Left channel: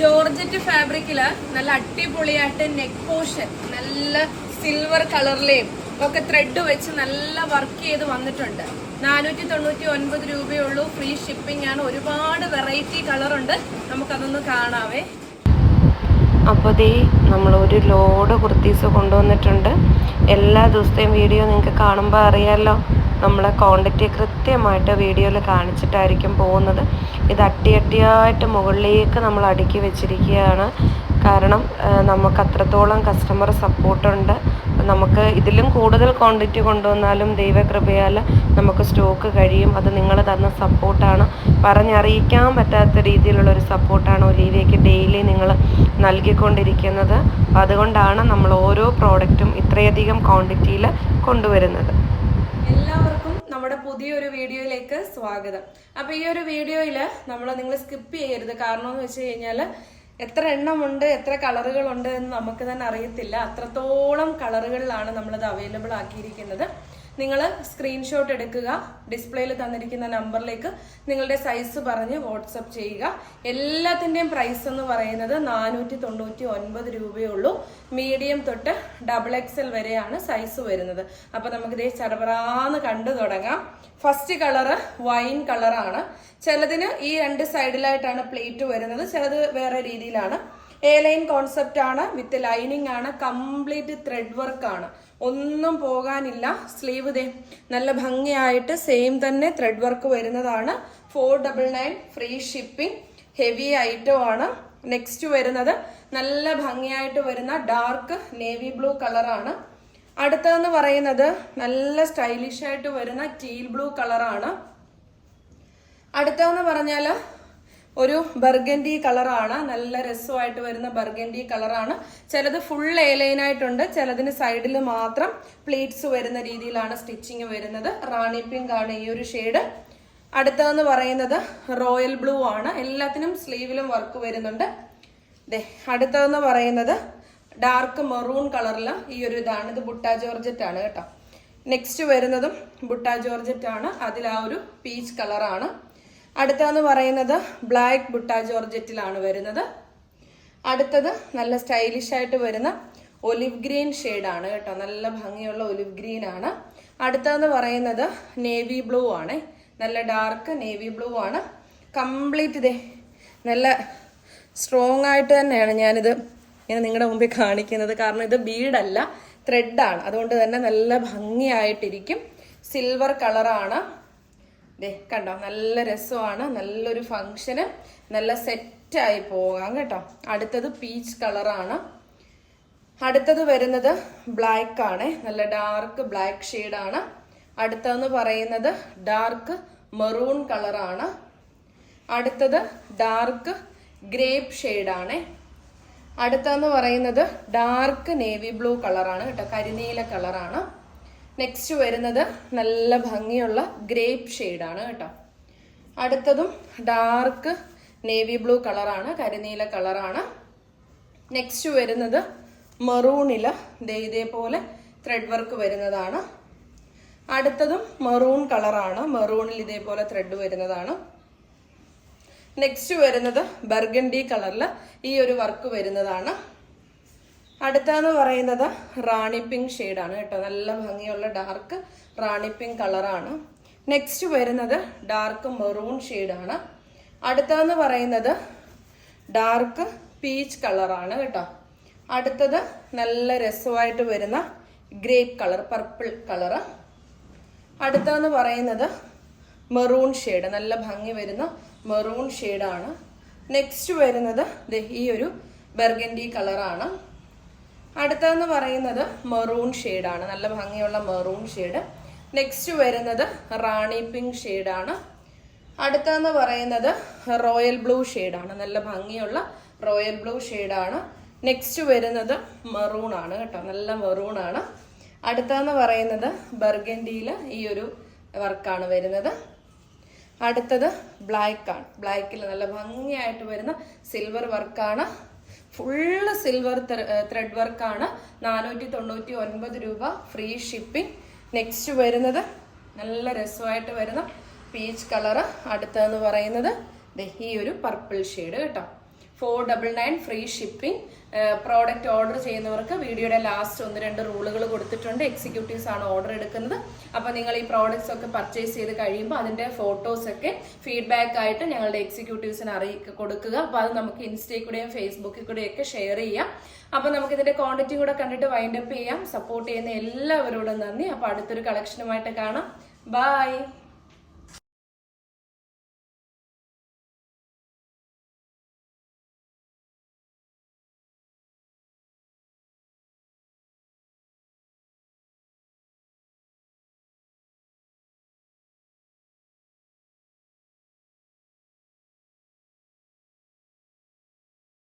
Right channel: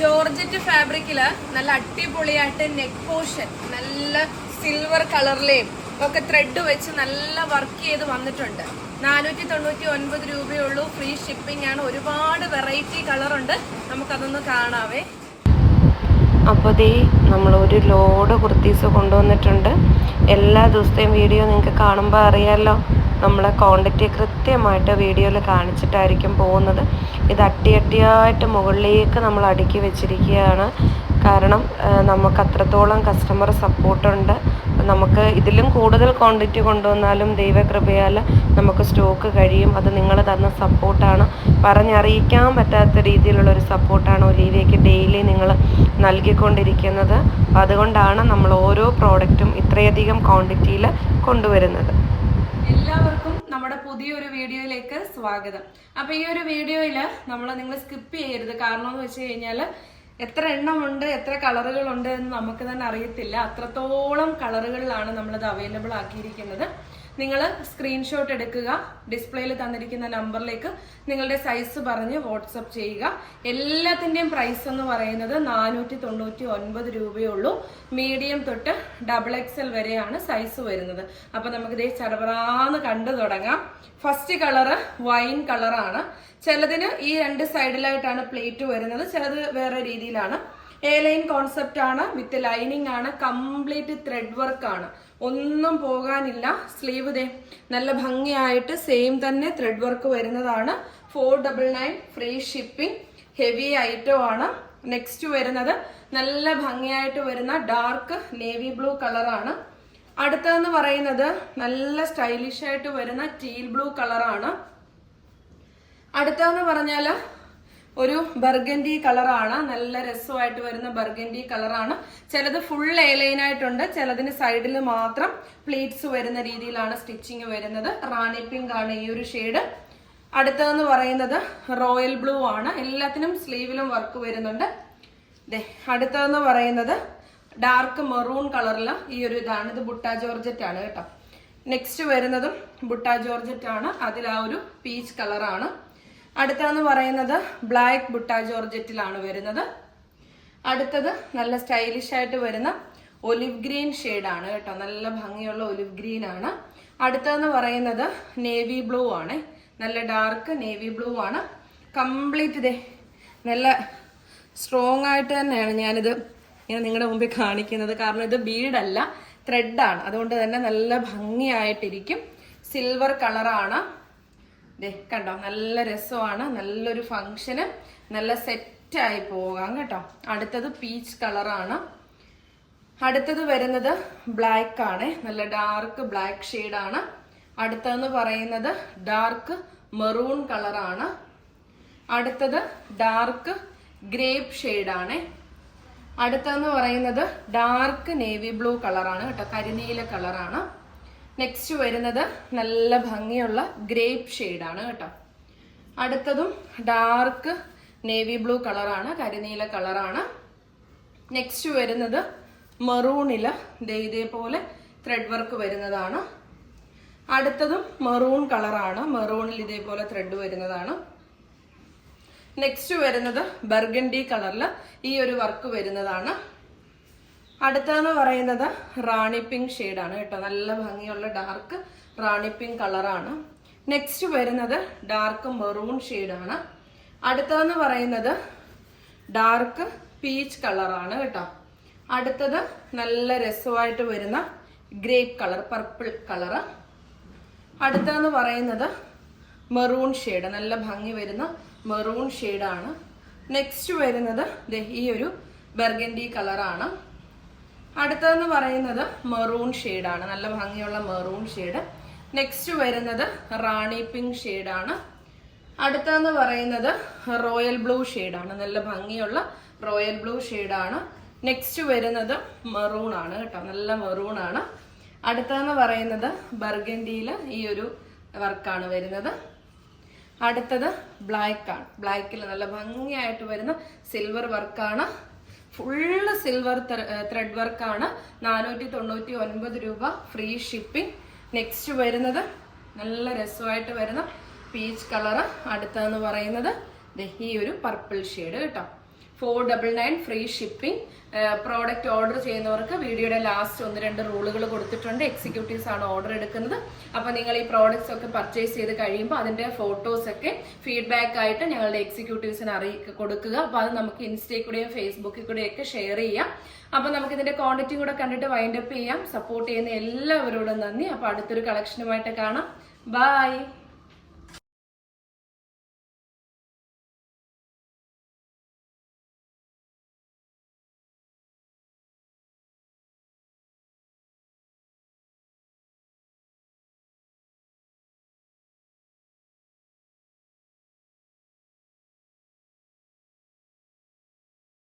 Georgette ഫാബ്രിക്കിൽ നല്ല അടിപൊളിയായിട്ട് നെക്ക് പോർഷൻ നല്ല സിൽവർ കളറിലെയും ഒക്കെ ത്രെഡ് വെച്ച് നല്ല വർക്ക് ചെയ്ത് വന്നിട്ടുണ്ട്. നാനൂറ്റി തൊണ്ണൂറ്റി ഒൻപത് രൂപയുള്ളൂ ഫ്രീ ഷിപ്പിംഗ് ആണ്. ഒരുപാട് വെറൈറ്റി കളറുണ്ട് നമുക്കതൊന്ന് കാണാവേ. അപ്പോൾ ദേ നമ്മൾ ഒരു ലോഡ് കുർത്തീസ് കൊണ്ടുവന്നിട്ടുണ്ട്. എല്ലാ ദിവസത്തെയും വീഡിയോ നിങ്ങൾക്ക് കാണുമ്പോൾ അറിയാമല്ലോ നമ്മളെ ക്വാണ്ടിറ്റി കൃത്യമായിട്ട് വീഡിയോയിൽ കാണിച്ചിട്ടായിരിക്കും പോകുന്നത്. ഇത് അട്ടി അട്ടിയായിട്ട് മുകളിലേക്ക് നമ്മൾ അടുക്കി വെച്ചിരിക്കുകയാണ്. കാരണം നമുക്ക് അത്രത്തോളം കസ്റ്റമർ സപ്പോർട്ടുണ്ട് നമുക്ക് ഇതിലും കൂടുതൽ ക്വാണ്ടിറ്റി കൊണ്ടുവന്നാലും ദൈവകൃപയാൽ നമുക്ക് സ്റ്റോക്ക് കഴിയും. അത് നിങ്ങൾ തന്ന സപ്പോർട്ടാണ് പറഞ്ഞറിയിക്കാൻ പറ്റാത്ത രീതിയിലുള്ള ഒരു സപ്പോർട്ടാണ് ഒലീവയ്ക്ക് ഡെയിലി നിങ്ങൾ നൽകിക്കൊണ്ടിരിക്കുന്നത്. അതുകൊണ്ടാണ് നമ്മൾ ഓരോ പ്രോഡക്റ്റും ഇത്രയധികം ക്വാണ്ടിറ്റിയിൽ കൊണ്ടുവരുന്നത്. എല്ലാവർക്കും നമ്മുടെ പുതിയൊരു വീഡിയോയിലേക്ക് സ്വാഗതം. അപ്പൊ ഈ ഒരു വീഡിയോയിൽ നമ്മൾ നിങ്ങൾ സ്കിപ്പ് ചെയ്യരുത്. കാരണം എന്ന് വെച്ച് കഴിഞ്ഞാൽ എത്ര എണ്ണമുണ്ട് എത്ര കളറുകളുണ്ട് എന്ന് നമുക്ക് തന്നെ അറിയത്തില്ല. അത്രത്തോളം കളറുകളിലാണ് നമ്മളിത് അവൈലബിൾ ആക്കിയിരിക്കുന്നത്. നിങ്ങൾ സ്ക്രീൻഷോട്ട് എടുക്കുക ഡിസ്പ്ലേയിൽ തന്നിരിക്കുന്ന നമ്പറിലേക്ക് നിങ്ങളുടെ സൈസ് പറഞ്ഞ് വാട്സപ്പ് ചെയ്യുക. എല്ലാത്തിന്റെയും പ്രൈസ് എന്ന് പറയുന്നത് നാനൂറ്റി തൊണ്ണൂറ്റി ഒൻപത് രൂപയേ ഉള്ളൂ മീഡിയം തൊട്ട് ഡബിൾ എക്സൽ വരെയാണ് സൈസ് വരുന്നത്. അപ്പോൾ നമുക്ക് ഇതേ ചടപറാന്ന് കണ്ടു തുടങ്ങാം. ഫസ്റ്റ് കളറ് വൈൻ കളറാണ് ചിലതിന് ഈ രണ്ട് സൈഡിലായിട്ടാണ് പ്ലേറ്റ് വരുന്നത്. ചിലത് വേറെ രീതിയിലാണ്. എ ലൈൻ കോൺസെപ്റ്റ് ആണ് വിത്ത് ലൈനിങ് ആണ് കംപ്ലീറ്റ് ത്രെഡ് വർക്ക് ആണ്. ഒന്നും പോകാനില്ല. സ്ലീവ് ദേ നല്ല ഭംഗിയായിട്ട് സെയിം തന്നെ ത്രെഡ് വർക്ക് വരുന്നതാണ്. Four double nine free shipping heavy item ആണ്. നെക്സ്റ്റ് വരുന്നത് നല്ല ഭംഗിയായിട്ട് വരുന്ന ഡാർക്ക് നേവി ബ്ലൂ കളറാണ് അടുത്തതെന്ന് പറയുന്നത് നല്ല സ്റ്റൈലിഷ് ആയിട്ട് വരുന്ന ടീൽ ബ്ലൂ കളറാണ് അടുത്തതെന്ന് പറഞ്ഞാൽ ഒരു ബർഗൻഡി കളറാണ്. നല്ല രസമായിട്ട് വരുന്ന ബർഗൻഡി കളറാണ്. ചിലത് ഫുൾ ലൈൻ ആയിട്ടുണ്ട്. ചിലതിന് സൈഡിൽ മാത്രം പ്ലേറ്റ്സ് വരുന്ന രീതിയിലാണ് സ്റ്റിച്ചിങ് വരുന്നത്. റാണി പിങ്ക് ആണ് ഈ ഒരു ഷെയ്ഡ് അടുത്തതെന്ന് പറയുന്നത് റോയൽ ബ്ലൂ ആണ്. എല്ലാത്തിനും സ്ലീവിലും വർക്ക് വരുന്നുണ്ട്. ദേ അടുത്തതെന്ന് പറയുന്നത് ഡാർക്ക് മെറൂൺ കളറിൽ ഈ ഒരു ഇതാണ്. ഇത് ബുട്ട ജോർജറ്റ് ആണ് കേട്ടോ. നെക്സ്റ്റ് വരുന്നതും ബുട്ട ജോർജറ്റ് ആണ്. അതിൽ ആ ഒരു പീച്ച് കളറാണ് അടുത്തതെന്ന് പറയുന്നത് ബ്ലാക്ക് ബുട്ട ജോർജറ്റിലാണ് വരുന്നത്. അടുത്തത് നല്ല സ്റ്റൈലിഷ് ആയിട്ട് വരുന്ന ഒലിവ് ഗ്രീൻ ആണ് കേട്ടോ. നല്ല ഭംഗിയുള്ള ഒലിവ് ഗ്രീൻ ആണ്. അടുത്തതെന്ന് പറയുന്നത് നേവി ബ്ലൂ ആണ്. നല്ല ഡാർക്ക് നേവി ബ്ലൂ ആണ്. കംപ്ലീറ്റ് ഇതേ. നല്ല സ്ട്രോങ് ആയിട്ട് തന്നെയാണ് ഞാനിത് ഇങ്ങനെ നിങ്ങളുടെ മുമ്പിൽ കാണിക്കുന്നത്. കാരണം ഇത് ബീഡല്ല ത്രെഡാണ് അതുകൊണ്ട് തന്നെ നല്ല ഭംഗിയായിട്ടിരിക്കും. സിൽവർ കളറാണ് ദേ കണ്ടോ? നല്ല രസമാണ്. നല്ലൊരു ഫങ്ഷന് നല്ല സെറ്റായി പോകാം കേട്ടോ. അടുത്തത് പീച്ച് കളറാണ് അടുത്തത് വരുന്നത് ബ്ലാക്ക് ആണ്. നല്ല ഡാർക്ക് ബ്ലാക്ക് ഷെയ്ഡാണ് അടുത്തതെന്ന് പറയുന്നത് ഡാർക്ക് മെറൂൺ കളറാണ് അടുത്തത് ഡാർക്ക് ഗ്രേപ്പ് ഷെയ്ഡാണ് അടുത്തതെന്ന് പറയുന്നത് ഡാർക്ക് നേവി ബ്ലൂ കളറാണ് കേട്ടോ. കരിനീല കളറാണ് നെക്സ്റ്റ് വരുന്നത് നല്ല ഭംഗിയുള്ള ഗ്രേപ്പ് ഷെയ്ഡാണ് കേട്ടോ. അടുത്തതും ഡാർക്ക് നേവി ബ്ലൂ കളറാണ് കരിനീല കളറാണ് നെക്സ്റ്റ് വരുന്നത് മെറൂണിൽ ഇതേപോലെ ത്രെഡ് വർക്ക് വരുന്നതാണ്. അടുത്തതും മെറൂൺ കളറാണ് മെറൂണിൽ ഇതേപോലെ ത്രെഡ് വരുന്നതാണ്. നെക്സ്റ്റ് വരുന്നത് ബർഗണ്ടി കളറിൽ ഈ ഒരു വർക്ക് വരുന്നതാണ്. അടുത്തതെന്ന് പറയുന്നത് റാണി പിങ്ക് ഷെയ്ഡാണ് കേട്ടോ. നല്ല ഭംഗിയുള്ള ഡാർക്ക് റാണി പിങ്ക് കളറാണ്. നെക്സ്റ്റ് വരുന്നത് ഡാർക്ക് മെറൂൺ ഷെയ്ഡാണ്. അടുത്തതെന്ന് പറയുന്നത് ഡാർക്ക് പീച്ച് കളറാണ് കേട്ടോ. അടുത്തത് നല്ല രസമായിട്ട് വരുന്ന ഗ്രേപ്പ് കളർ പർപ്പിൾ കളറ് അടുത്തതെന്ന് പറയുന്നത് മെറൂൺ ഷെയ്ഡ് നല്ല ഭംഗി വരുന്ന മെറൂൺ ഷെയ്ഡാണ്. നെക്സ്റ്റ് വരുന്നത് ഈ ഒരു ബെർഗൻഡി കളറാണ്. അടുത്തതെന്ന് പറയുന്നത് മെറൂൺ ഷെയ്ഡാണ് നല്ല ഭംഗിയുള്ള മെറൂൺ ഷെയ്ഡ് നെക്സ്റ്റ് വരുന്നത് റാണി പിങ്ക് ഷെയ്ഡാണ് അടുത്തതെന്ന് പറയുന്നത് റോയൽ ബ്ലൂ ഷെയ്ഡാണ് നല്ല ഭംഗിയുള്ള റോയൽ ബ്ലൂ ഷെയ്ഡാണ് നെക്സ്റ്റ് വരുന്നത് മെറൂൺ ആണ് കേട്ടോ. നല്ല മെറൂൺ ആണ്. അടുത്തതെന്ന് പറയുന്നത് ബർഗൻഡിയിൽ ഈ ഒരു വർക്കാണ് വരുന്നത്. അടുത്തത് ബ്ലാക്ക് ആണ്. ബ്ലാക്കിൽ നല്ല ഭംഗിയായിട്ട് വരുന്ന സിൽവർ വർക്കാണ് ഫുള്ള് സിൽവർ ത്രെഡ് വർക്കാണ് നാനൂറ്റി തൊണ്ണൂറ്റി ഒൻപത് രൂപ ഫ്രീ ഷിപ്പിംഗ് നെക്സ്റ്റ് വരുന്നത് നല്ല രസമായിട്ട് വരുന്ന പീച്ച് കളറ് അടുത്തതെന്ന് പറയുന്നത് ഈ ഒരു പർപ്പിൾ ഷെയ്ഡ് കേട്ടോ. Four double nine free shipping product order ചെയ്യുന്നവർക്ക് വീഡിയോയുടെ ലാസ്റ്റ് ഒന്ന് രണ്ട് റൂളുകൾ കൊടുത്തിട്ടുണ്ട്. എക്സിക്യൂട്ടീവ്സ് ആണ് ഓർഡർ എടുക്കുന്നത്. അപ്പോൾ നിങ്ങൾ ഈ പ്രോഡക്റ്റ്സ് ഒക്കെ പർച്ചേസ് ചെയ്ത് കഴിയുമ്പോൾ അതിന്റെ ഫോട്ടോസ് ഒക്കെ ഫീഡ്ബാക്ക് ആയിട്ട് ഞങ്ങളുടെ എക്സിക്യൂട്ടീവ്സിന് അറിയിക്കുക കൊടുക്കുക. അപ്പോൾ അത് നമുക്ക് ഇൻസ്റ്റയിൽ കൂടെയും ഫേസ്ബുക്കിൽ കൂടെയും ഒക്കെ ഷെയർ ചെയ്യാം. അപ്പോൾ നമുക്ക് ഇതിന്റെ ക്വാണ്ടിറ്റി കൂടെ കണ്ടിട്ട് വൈൻഡപ്പ് ചെയ്യാം. സപ്പോർട്ട് ചെയ്യുന്ന എല്ലാവരോടും നന്ദി. അപ്പോൾ അടുത്തൊരു കളക്ഷനുമായിട്ട് കാണാം. ബൈ